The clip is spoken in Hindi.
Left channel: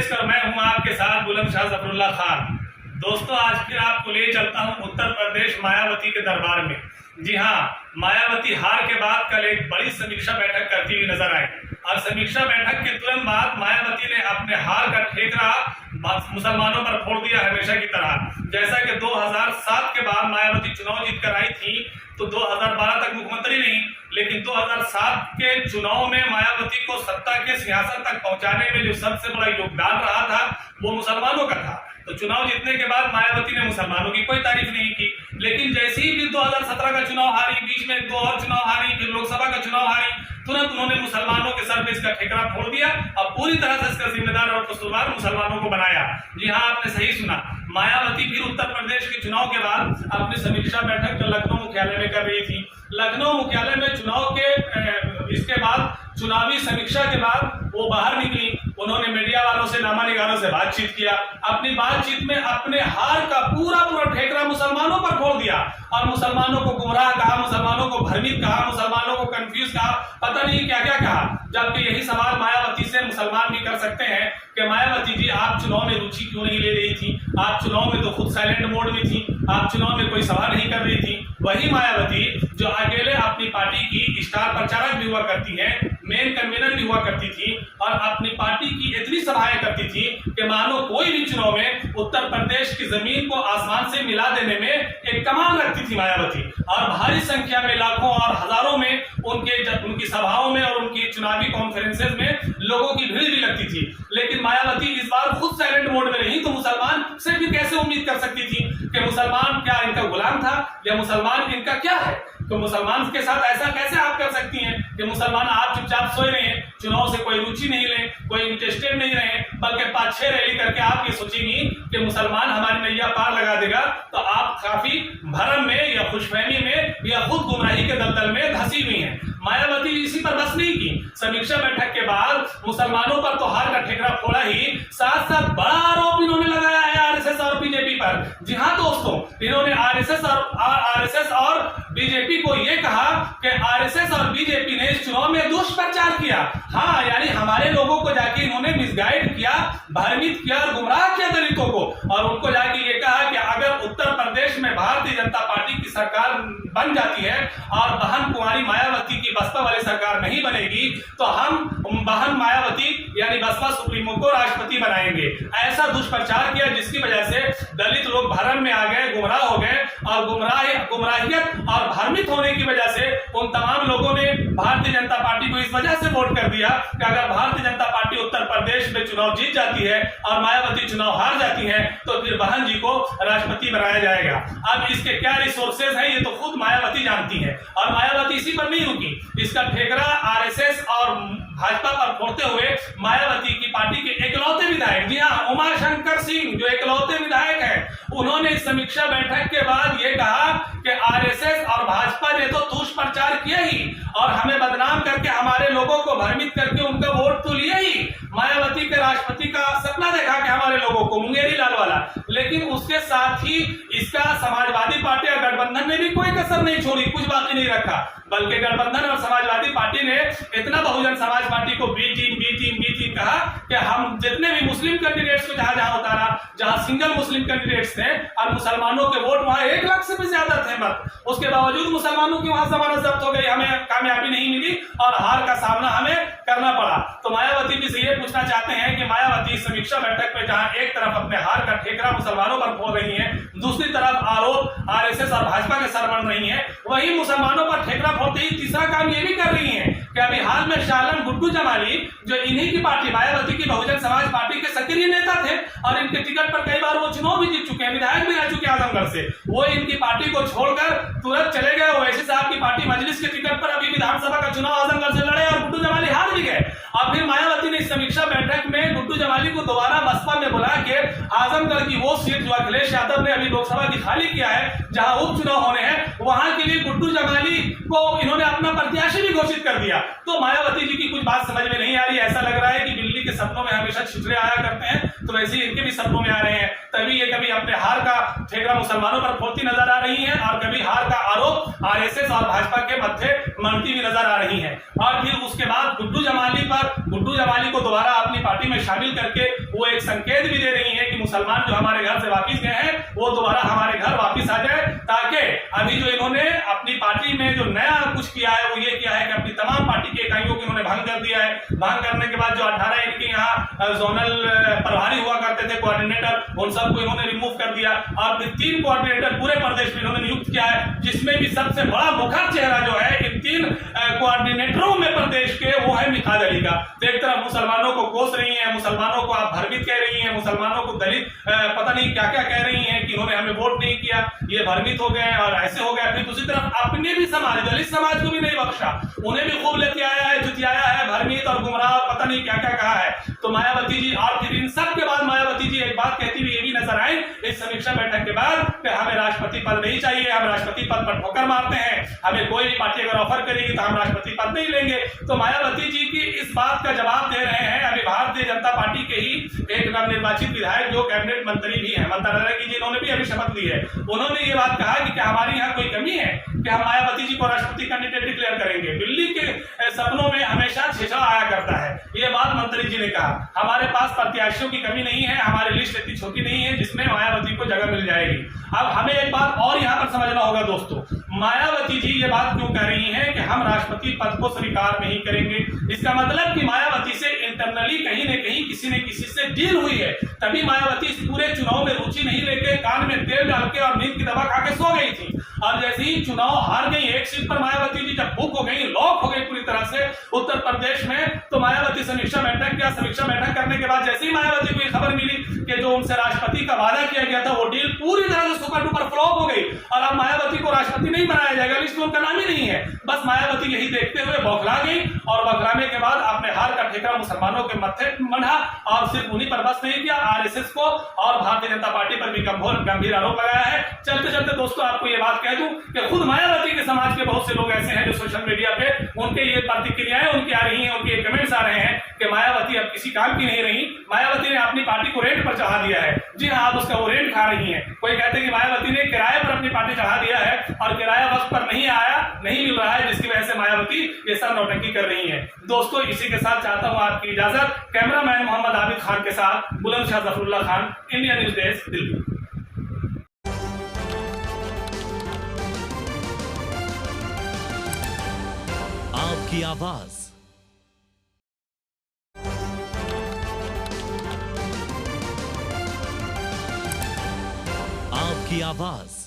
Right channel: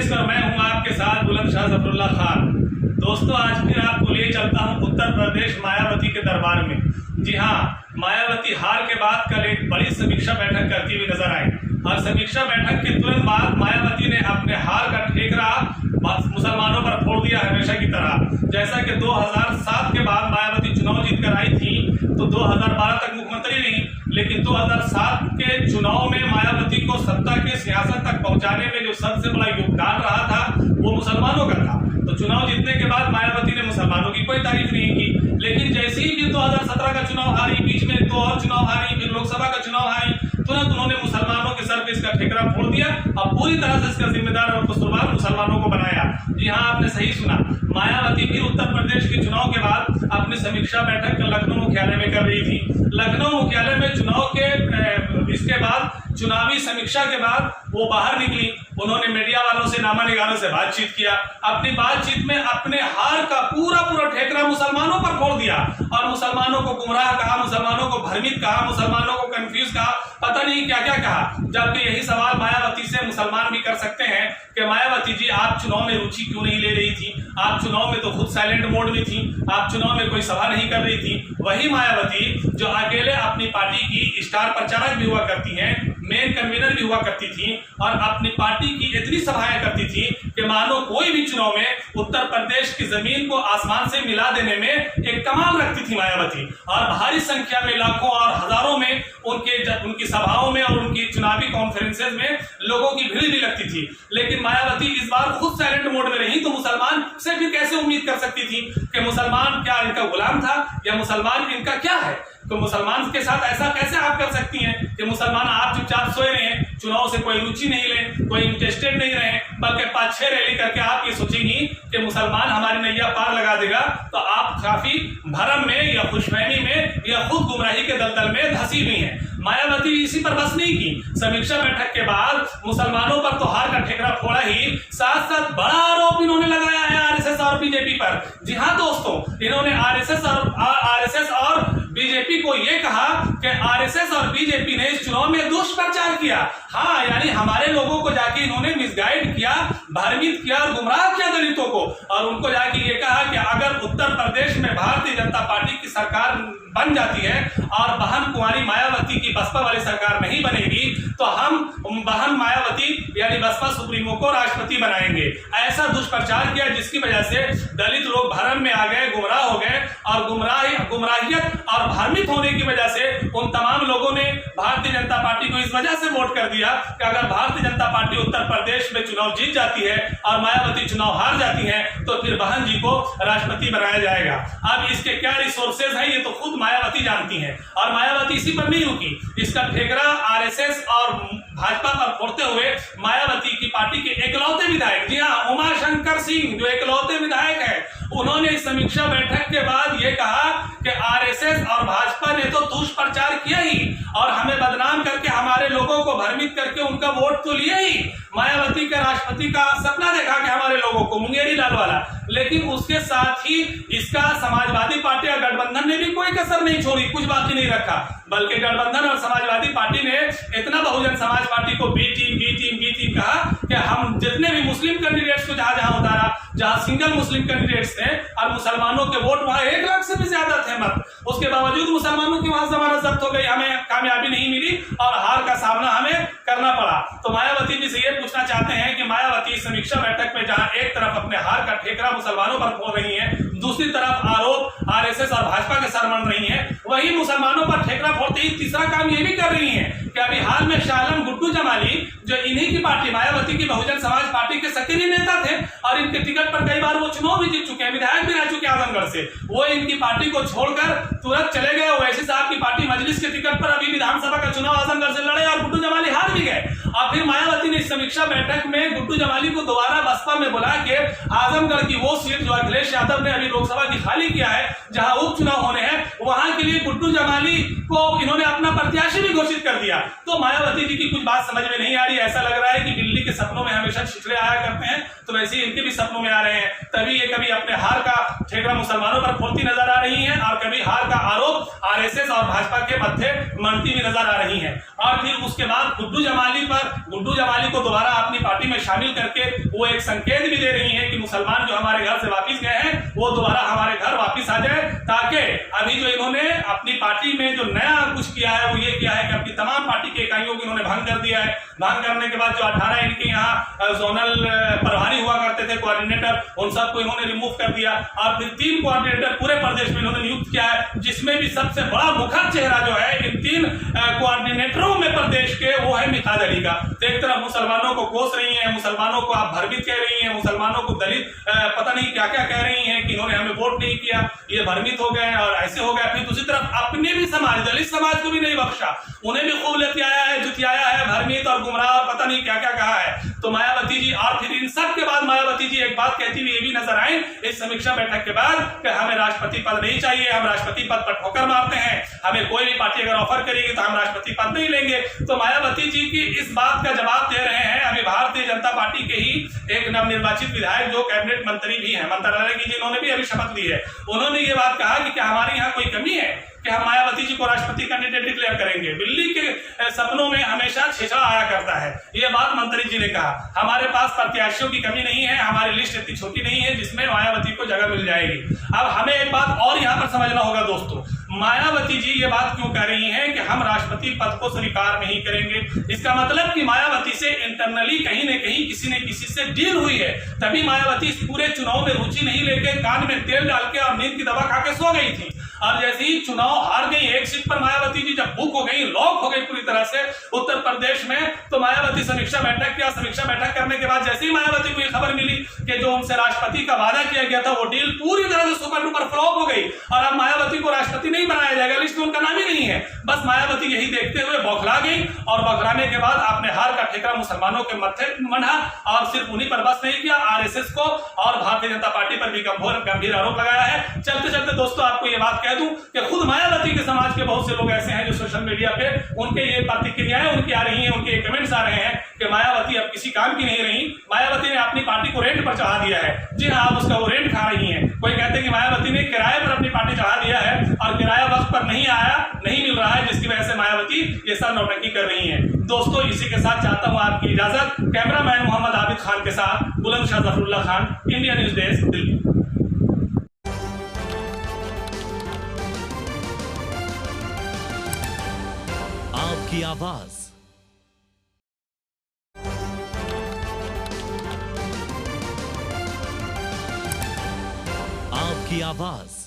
पेश कर मैं हूं आपके साथ बुलंदशाह जफरुल्लाह खान। दोस्तों, आज फिर आपको ले चलता हूं उत्तर प्रदेश मायावती के दरबार में। जी हां, मायावती हार के बाद कल एक बड़ी समीक्षा बैठक करती हुई नजर आई और समीक्षा बैठक के तुरंत बाद मायावती ने अपने हार का ठेकरा मुसलमानों पर फोड़ दिया हमेशा की तरह। जैसा कि 2007 के बाद मायावती चुनाव जीत कर आई थी तो 2012 तक मुख्यमंत्री रही, लेकिन 2007 के चुनाव में मायावती को सत्ता के सियासत तक पहुंचाने में जो सबसे बड़ा योगदान रहा था वो मुसलमानों का था। तो चुनाव जीतने के बाद मायावती ने मुसलमानों की कोई तारीफ नहीं की, लेकिन जैसे ही फिर 2017 का चुनाव हारी, बीच में 2 और चुनाव हारी, फिर लोकसभा का चुनाव हारी, तुरंत उन्होंने मुसलमानों के सर पे इसका ठेकरा फोड़ दिया और पूरी तरह से इसका जिम्मेदार और कसूरवार मुसलमानों को बनाया। जी हाँ, आपने सही सुना, मायावती फिर उत्तर प्रदेश के चुनाव के बाद अपनी समीक्षा बैठक लखनऊ मुख्यालय में कर रही थी। लखनऊ मुख्यालय में चुनाव के इसके बाद चुनावी समीक्षा के बाद वो बाहर निकली। उन्होंने मीडिया वालों से, नामा निगारों से बातचीत किया। अपनी बातचीत में अपने हार का पूरा ठेकरा मुसलमानों पर फोड़ दिया और मुसलमानों को गुमराह कहा, मुसलमानों को भ्रमित कहा, मुसलमानों को कंफ्यूज कहा, पता नहीं क्या क्या कहा। जबकि यही सवाल मायावती से मुसलमान भी कर सकते हैं कि मायावती जी, आप चुनाव में रुचि क्यों नहीं ले रही थी? आप चुनाव में तो खुद साइलेंट मोड में थी, आप चुनाव में कोई सभा नहीं कर रही थी। वही मायावती जो अकेले अपनी पार्टी की स्टार प्रचारक भी हुआ करती हैं, मेन कन्वीनर भी हुआ करती थी और अपनी पार्टी की इतनी सभाएं करती थी कि मानो कोई भी चुनाव में उत्तर प्रदेश की जमीन को आसमान से मिला देने में एक कमाल रखती थी मायावती। और भारी संख्या में, लाखों और हजारों में उनकी सभाओं में और उनकी चुनावी कॉन्फ्रेंसेज में लोगों की भीड़ भी लगती थी। लेकिन मायावती इस बार खुद साइलेंट मोड में रही तो मुसलमान से भी कैसे उम्मीद कर सकती थी कि मुसलमान क्या इनका गुलाम था या मुसलमान इनका क्या है? तो मुसलमान के साथ ऐसा कैसे आप कर सकती हैं कि मुसलमान आप चुपचाप सोए रहे, चुनाव से कोई रुचि नहीं लें, कोई इंटरेस्टेड नहीं रहे, बल्कि 5-6 रैली करके आप ये सोचेंगी कि मुसलमान हमारी नैया पार लगा देगा, तो आप काफी भरम में या खुशफहमी में या खुद गुमराही के दलदल में धंसी हुई हैं। मायावती इसी पर बस नहीं की, समीक्षा बैठक के बाद मुसलमानों पर तो हार का ठेकरा फोड़ा ही, साथ साथ बड़ा आरोप इन्होंने लगाया है आरएसएस और बीजेपी पर। जी हाँ दोस्तों, इन्होंने आरएसएस और बीजेपी को यह कहा कि आरएसएस और बीजेपी ने इस चुनाव में दुष्प्रचार किया। हाँ, यानी हमारे लोगों को जाके इन्होंने मिसगाइड किया, भ्रमित किया और गुमराह किया दलितों को। और उनको जाके ये कहा कि अगर उत्तर प्रदेश में भारतीय जनता पार्टी की सरकार बन जाती है और बहन कुंवारी मायावती की बसपा वाली सरकार नहीं बनेगी तो हम बहन मायावती यानी बसपा सुप्रीमो को राष्ट्रपति बनाएंगे। ऐसा दुष्प्रचार किया जिसकी वजह से दलित लोग भरम में आ गए, गुमराह हो गए और गुमराहियत और भ्रमित होने की वजह से उन तमाम लोगों ने भारतीय जनता पार्टी को इस वजह से वोट कर दिया कि अगर भारतीय जनता पार्टी उत्तर प्रदेश में चुनाव जीत जाती है और मायावती चुनाव हार जाती है तो फिर बहन जी को राष्ट्रपति बनाया जाएगा। अब इसके क्या रिसोर्सेज हैं ये तो खुद मायावती जानती हैं। और मायावती इसी पर नहीं रुकी, इसका ठेकरा आरएसएस और भाजपा पर फोड़ते हुए मायावती की पार्टी के एकलौते विधायक, जी हाँ, उमाशंकर सिंह जो एकलौते विधायक हैं, उन्होंने इस समीक्षा बैठक के बाद यह कहा कि आरएसएस और भाजपा ने तो दुष्प्रचार किया ही और हमें बदनाम करके हमारे लोगों को भ्रमित करके उनका वोट तो लिया ही। मायावती के राष्ट्रपति का सपना देखा कि हमारे लोगों को, मुंगेरी लाल वाला, लेकिन उसके साथ ही इसका समाजवादी पार्टी और गठबंधन ने भी कोई कसर नहीं छोड़ी, कुछ बाकी नहीं रखा। बल्कि गठबंधन और समाजवादी पार्टी ने इतना बहुजन समाज पार्टी को बी टीम कहा कि हम जितने भी मुस्लिम कैंडिडेट्स को जहां उतारा, जहां सिंगल मुस्लिम कैंडिडेट्स थे और मुसलमानों के वोट वहां 1 लाख से भी ज्यादा थे मत, उसके बावजूद मुसलमानों की वहां जमानत जब्त हो गई, हमें कामयाबी नहीं मिली और हार का सामना हमें करना पड़ा। तो मायावती जी से ये पूछना चाहते हैं कि मायावती समीक्षा बैठक में जहां एक तरफ अपने हार का ठेकरा मुसलमानों पर फोड़ रही है, दूसरी तरफ आरोप आरएसएस और भाजपा के सर बन रही है, वही मुसलमानों पर ठेकरा फोड़ते ही तीसरा काम ये भी कर रही है कि अभी हाल में शाह आलम गुड्डू जमाली जो इन्हीं की पार्टी मायावती की बहुजन समाज पार्टी के सक्रिय नेता थे और इनके टिकट पर कई बार वो चुनाव भी जीत चुके हैं, विधायक भी रह चुके हैं आजमगढ़ से, वो इनकी पार्टी को छोड़कर तुरंत चले गए। वैसे साहब की पार्टी मजलिस के टिकट पर अभी विधानसभा का चुनाव आजमगढ़ से लड़े और गुड्डू जमाली हार भी गए। और फिर मायावती ने इस समीक्षा बैठक में गुड्डू जमाली को दोबारा बसपा में बुला के आजमगढ़ की वो सीट जो अखिलेश यादव ने अभी लोकसभा की खाली किया है, जहां उपचुनाव होने हैं, वहां के लिए गुड्डू जमाली को इन्होंने अपना प्रत्याशी भी घोषित कर दिया। तो मायावती जी की कुछ बात समझ में नहीं आ रही, ऐसा लग रहा है कि बिल्ली के सपनों में हमेशा छिछले आया करते हैं, तो वैसे ही इनके भी सपनों में आ रहे हैं। तभी ये कभी अपने हार का ठेकरा मुसलमानों पर फोड़ती नजर आ रही है और कभी हार का आरोप आरएसएस और भाजपा के मध्य मनती भी नजर आ रही है। और फिर उसके बाद गुड्डू जमाली को दोबारा अपनी पार्टी में शामिल करके वो एक संकेत भी दे रही है कि मुसलमान जो हमारे घर से वापिस गए हैं वो दोबारा हमारे घर वापिस आ जाए, ताकि अभी जो इन्होंने अपनी पार्टी में जो नया कुछ किया है वो ये किया है कि अपनी तमाम पार्टी की इकाइयों को इन्होंने भंग कर दिया है। भंग करने के बाद जो 18 इनके यहाँ जोनल प्रभारी हुआ करते थे, कोऑर्डिनेटर, उन सबको इन्होंने रिमूव कर दिया और फिर 3 कोऑर्डिनेटर पूरे प्रदेश में इन्होंने नियुक्त किया है, जिसमें भी सबसे बड़ा मुखर चेहरा जो है इन 3 कोऑर्डिनेटरों में प्रदेश के वो है मिकाद अली का। तो एक तरफ मुसलमानों को कोस रही है, मुसलमानों को आप भ्रमित कह रही हैं, मुसलमानों को दलित पता नहीं क्या क्या कह रही हैं कि इन्होंने हमें वोट नहीं किया, ये भ्रमित हो गए और ऐसे हो गया। फिर दूसरी तरफ अपने भी समाज, दलित समाज को भी नहीं बख्शा, उन्हें भी खूब लेते आया है, जुतियाया है, भ्रमित और गुमराह पता नहीं क्या क्या कहा है। तो मायावती जी, और फिर इन सब के बाद मायावती जी एक बात कहती हुई ये भी नजर आई इस समीक्षा बैठक के बाद कि हमें राष्ट्रपति पद नहीं चाहिए, हम राष्ट्रपति पद पर ठोकर मारते हैं, हमें कोई भी पार्टी अगर ऑफर करेगी तो हम राष्ट्रपति पद नहीं लेंगे। तो मायावती जी की इस बात का जवाब दे रहे हैं अभी भारतीय जनता पार्टी के ही एक नवनिर्वाचित विधायक जो कैबिनेट मंत्री भी है, मंत्रालय की, जिन्होंने भी अभी शपथ ली है। उन्होंने ये बात कहा कि क्या हमारे यहाँ कोई कमी है कि हम मायावती जी को राष्ट्रपति कैंडिडेट डिक्लेयर करेंगे। दिल्ली के सपनों में हमेशा छेछड़ा आया करता है, ये बात मंत्री जी ने कहा। हमारे पास प्रत्याशियों की कमी नहीं है, हमारी लिस्ट इतनी छोटी नहीं है जिसमें मायावती को जगह मिल जाएगी। अब हमें एक बात और यहाँ पर समझना होगा दोस्तों, मायावती जी ये बात क्यों कह रही हैं कि हम राष्ट्रपति पद को स्वीकार नहीं करेंगे। इसका मतलब कि मायावती से इंटरनली कहीं न कहीं किसी ने किसी से डील हुई है, तभी मायावती इस पूरे चुनाव में रुचि नहीं लेके कान में तेल डाल के और नींद की दवा खा के सो गई थी। और जैसे ही चुनाव हार गई एक सीट पर मायावती जी, जब बुक हो गई, लॉक हो गई पूरी तरह से उत्तर प्रदेश में, तो मायावती समीक्षा बैठक किया। समीक्षा बैठक करने के बाद जैसे ही मायावती को ये खबर मिली कि जो उनसे राष्ट्रपति का वादा किया गया था वो डील पूरी तरह से सुपर डुपर फ्लॉप हो गई और अब मायावती को राष्ट्रपति नहीं बनाया जाएगा, लिस्ट में उनका नाम ही नहीं है। बस मायावती यही देखते हुए बौखला गई और बौखलाने के बाद अपने हार का ठेका मुसलमानों के मत्थे मढ़ा और सिर्फ उन्हीं पर बस नहीं किया, आरएसएस को और भारतीय जनता पार्टी पर भी गंभीर आरोप लगाया है। चलते चलते दोस्तों आपको ये बात कह दूं कि खुद मायावती के समाज के बहुत से लोग ऐसे हैं जो सोशल मीडिया पे उनके ये प्रतिक्रियाएं उनकी आ रही हैं, उनके कमेंट्स आ रहे हैं कि मायावती अब किसी काम की नहीं रही, मायावती ने अपनी पार्टी को रेंट पर चढ़ा दिया है। जी हाँ, आप उसका वो रेंट खा रही हैं। कोई कहते हैं कि मायावती ने किराए पर अपनी पार्टी चढ़ा दिया है और किराया वक्त पर नहीं आया, नहीं मिल रहा है, जिसकी वजह से मायावती ये सब नौटंकी कर रही है। दोस्तों इसी के साथ चाहता हूं आपकी इजाजत। कैमरामैन मोहम्मद आबिद खान के साथ Bulandshahr Zafarullah Khan, India news desk, Delhi. आपकी आवाज, आपकी आवाज